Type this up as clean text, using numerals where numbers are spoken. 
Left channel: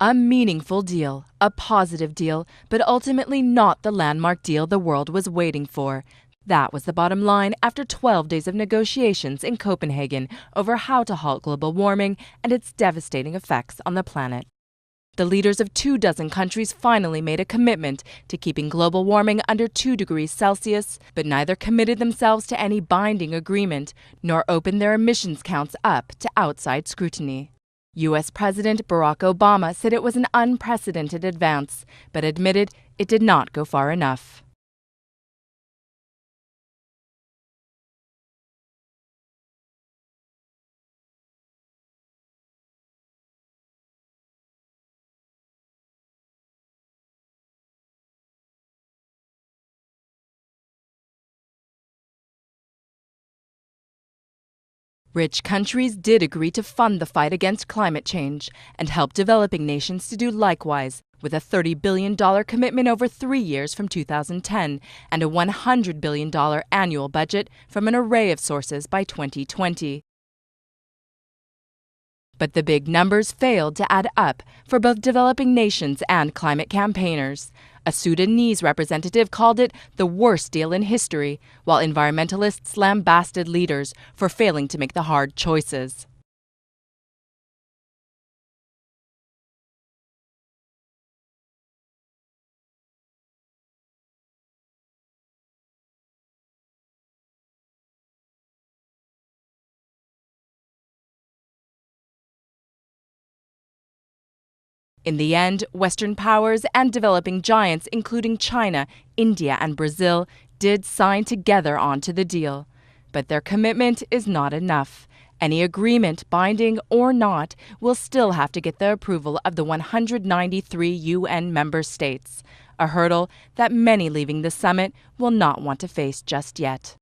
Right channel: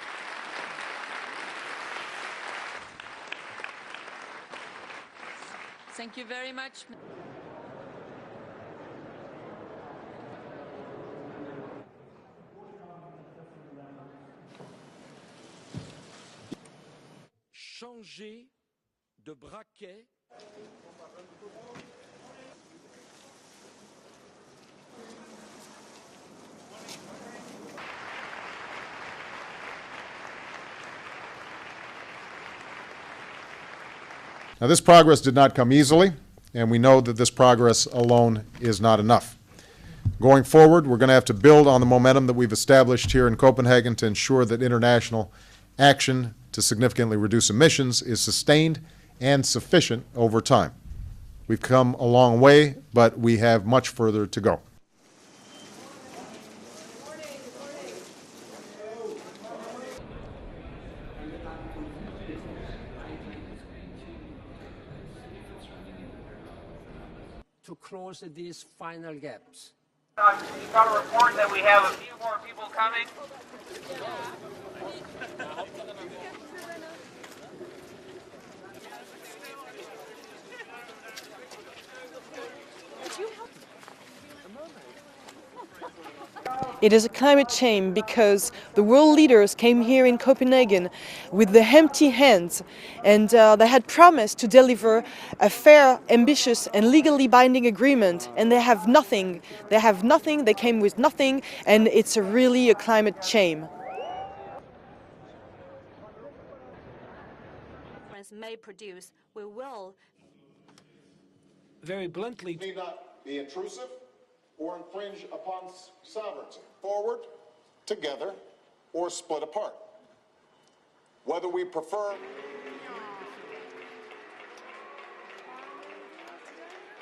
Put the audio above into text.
A meaningful deal, a positive deal, but ultimately not the landmark deal the world was waiting for. That was the bottom line after 12 days of negotiations in Copenhagen over how to halt global warming and its devastating effects on the planet. The leaders of 24 countries finally made a commitment to keeping global warming under 2 degrees Celsius, but neither committed themselves to any binding agreement nor opened their emissions counts up to outside scrutiny. U.S. President Barack Obama said it was an unprecedented advance, but admitted it did not go far enough. Now, this progress did not come easily, and we know that this progress alone is not enough. Going forward, we're going to have to build on the momentum that we've established here in Copenhagen to ensure that international action to significantly reduce emissions is sustained and sufficient over time. We've come a long way, but we have much further to go. Rich countries did agree to fund the fight against climate change and help developing nations to do likewise, with a $30 billion commitment over 3 years from 2010 and a $100 billion annual budget from an array of sources by 2020. But the big numbers failed to add up for both developing nations and climate campaigners. A Sudanese representative called it the worst deal in history, while environmentalists lambasted leaders for failing to make the hard choices. It is a climate shame because the world leaders came here in Copenhagen with the empty hands, and they had promised to deliver a fair, ambitious and legally binding agreement, and they have nothing. They came with nothing, and it's really a climate shame. In the end, Western powers and developing giants, including China, India and Brazil, did sign together onto the deal. But their commitment is not enough. Any agreement, binding or not, will still have to get the approval of the 193 UN member states, a hurdle that many leaving the summit will not want to face just yet.